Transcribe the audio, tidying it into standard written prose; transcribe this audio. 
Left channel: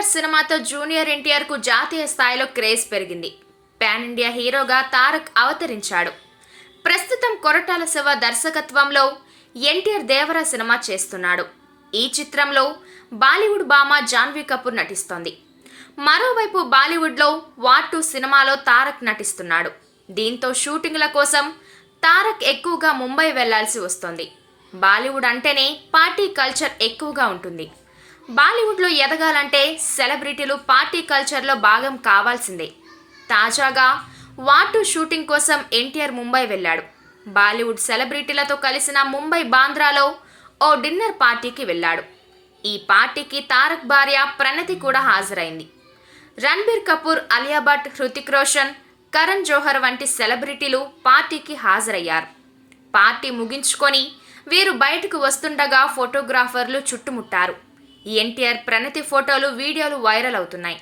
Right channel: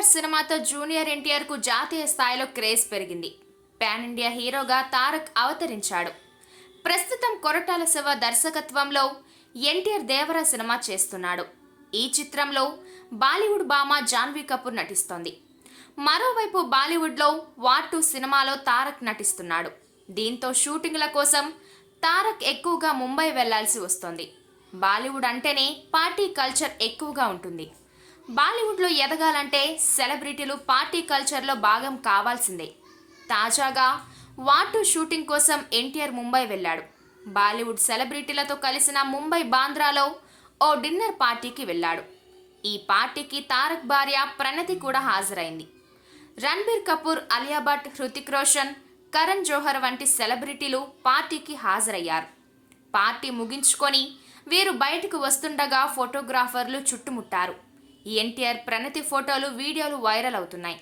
ఎన్టీఆర్ సినిమాతో జూనియర్ ఎన్టీఆర్ కు జాతీయ స్థాయిలో క్రేజ్ పెరిగింది. పాన్ ఇండియా హీరోగా తారక్ అవతరించాడు. ప్రస్తుతం కొరటాల శివ దర్శకత్వంలో ఎన్టీఆర్ దేవరా సినిమా చేస్తున్నాడు. ఈ చిత్రంలో బాలీవుడ్ భామ జాన్వీ కపూర్ నటిస్తోంది. మరోవైపు బాలీవుడ్లో వార్ 2 సినిమాలో తారక్ నటిస్తున్నాడు. దీంతో షూటింగ్ల కోసం తారక్ ఎక్కువగా ముంబై వెళ్లాల్సి వస్తోంది. బాలీవుడ్ అంటేనే పార్టీ కల్చర్ ఎక్కువగా ఉంటుంది. బాలీవుడ్లో ఎదగాలంటే సెలబ్రిటీలు పార్టీ కల్చర్లో భాగం కావాల్సిందే. తాజాగా వార్ 2 షూటింగ్ కోసం ఎన్టీఆర్ ముంబై వెళ్ళాడు. బాలీవుడ్ సెలబ్రిటీలతో కలిసిన ముంబై బాంద్రాలో ఓ డిన్నర్ పార్టీకి వెళ్ళాడు. ఈ పార్టీకి తారక్ భార్య ప్రణతి కూడా హాజరైంది. రణబీర్ కపూర్, అలియా భట్, హృతిక్ రోషన్, కరణ్ జోహర్ వంటి సెలబ్రిటీలు పార్టీకి హాజరయ్యారు. పార్టీ ముగించుకొని వీరు బయటకు వస్తుండగా ఫోటోగ్రాఫర్లు చుట్టుముట్టారు. ఎన్టీఆర్ ప్రణతి ఫోటోలు, వీడియోలు వైరల్ అవుతున్నాయి.